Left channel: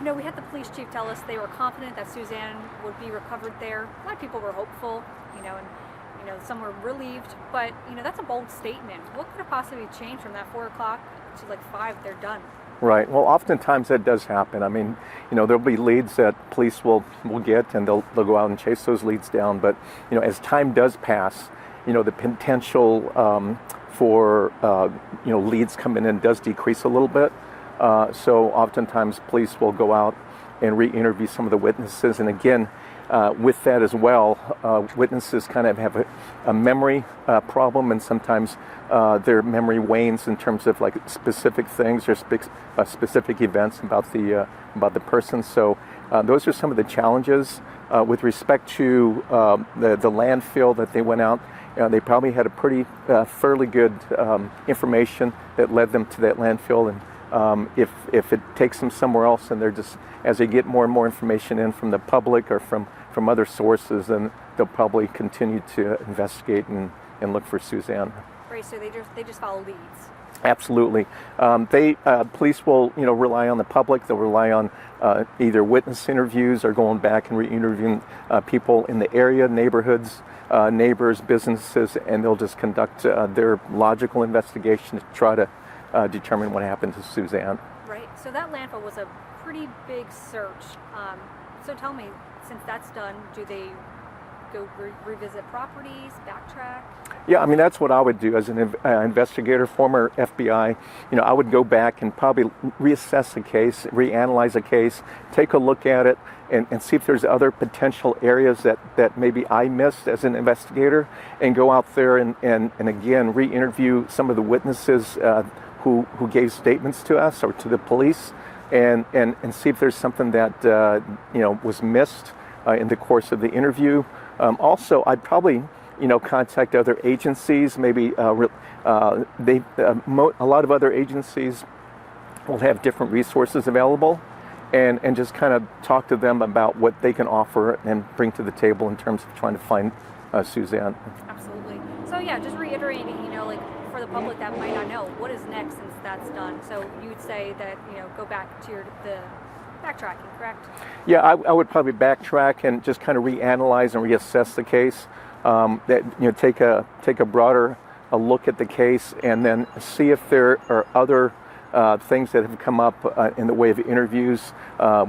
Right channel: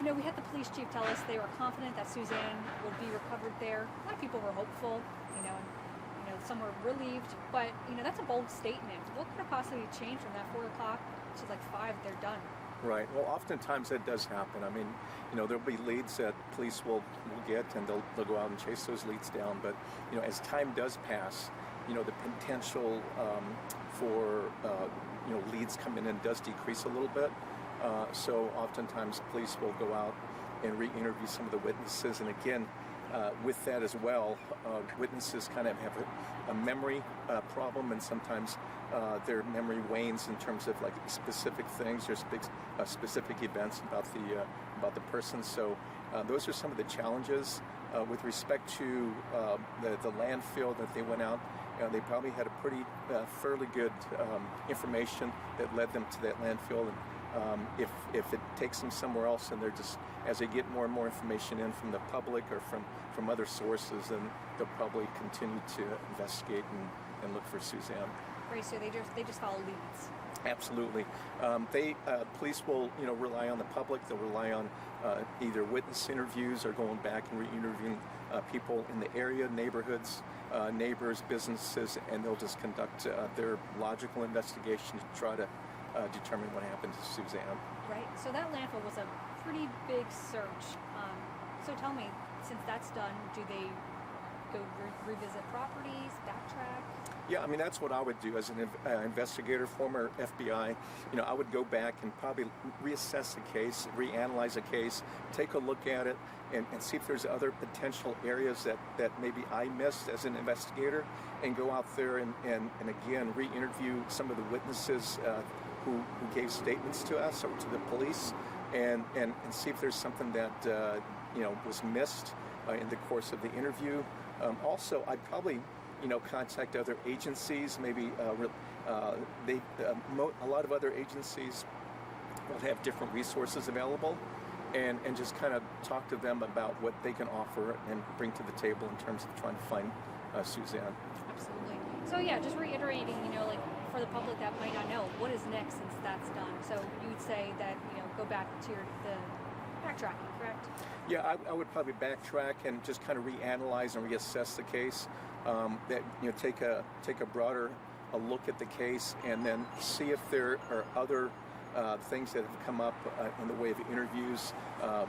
We had the police chief tell us they were confident that Suzanne would be recovered there. A lot of people were hopeful, and some were relieved, but that's a bold statement. What could have possibly changed from that 4 o'clock to like 5? They're done. Right. Well, oftentimes that does happen. I mean, there'll be leads that police will get, and they'll go out and chase those leads down. But as time does pass, the potential for leads coming in does decrease a little bit. So oftentimes police will go out and re-interview some of the witnesses, and again, with that as well, witnesses kind of have a memory problem, and sometimes their memory wanes in terms of like specific things or specific events about the person. So those are some of the challenges with respect to the landfill that they went out. They probably had a pretty fairly good information that led them to that landfill, and if it takes them somewhere else, and they're just, as they get more and more information in from the public or from other sources, then they'll probably continue to investigate and look for Suzanne. Right, so they just follow leads. Absolutely. Police will rely on the public. They'll rely on either witness interviews or going back and re-interviewing people in the area, neighborhoods, neighbors, businesses, and they'll just conduct their logical investigation to try to determine what happened to Suzanne. Right. So that landfill was a pretty big search. So tell me, since that's done, do they go revisit properties, backtrack? Yeah, I mean, that's what I would do as an investigator, former FBI. I would go back and probably reassess a case, reanalyze a case, take a look at it, and see if there's other potential areas that maybe I missed as an investigator, and go out there and again re-interview some of the witnesses who gave statements to us or to the police, and see if there's something that was missed in the course of the interview. Also, I'd probably contact other agencies. Maybe a lot of other agencies will have different resources available, and just kind of talk to them about what they can offer and bring to the table in terms of trying to find Suzanne. Absolutely. So yeah, just reiterating, like for the public that might not know, what is next since that's done? So you would say that go back to the backtracking, correct? Yeah, I would probably backtrack and just kind of reanalyze and reassess the case. Take a broader look at the case, and then see if there are other things that have come up in the way of interviews,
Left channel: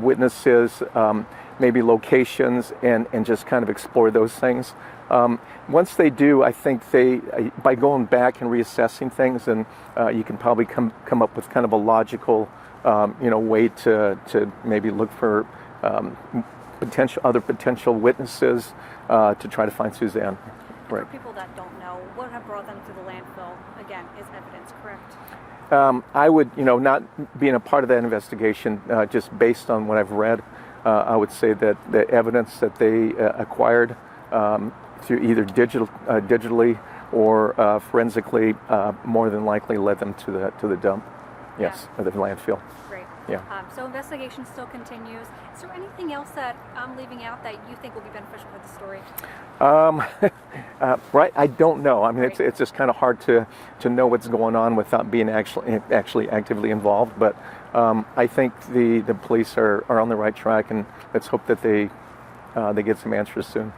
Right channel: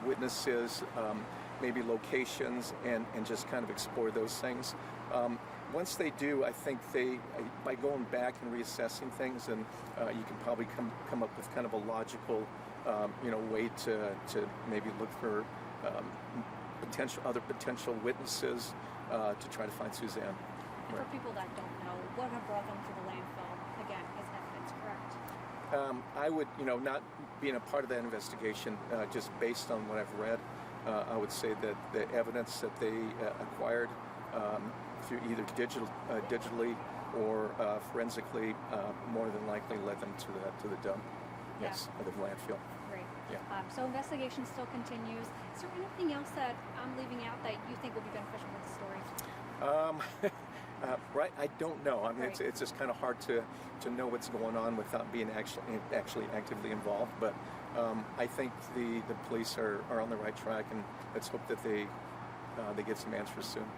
witnesses, maybe locations, and just kind of explore those things. Once they do, I think by going back and reassessing things, and you can probably come up with kind of a logical way to maybe look for other potential witnesses to try to find Suzanne. Right. For people that don't know, what have brought them to the landfill, again, is evidence, correct? I would, not being a part of that investigation, just based on what I've read, I would say that the evidence that they acquired through either digitally or forensically, more than likely led them to the dump. Yes, or the landfill. Great. Yeah. So investigation still continues. Is there anything else that I'm leaving out that you think will be beneficial for the story? Right, I don't know. I mean, it's just kind of hard to know what's going on without being actually actively involved. But I think the police are on the right track, and let's hope that they get some answers soon.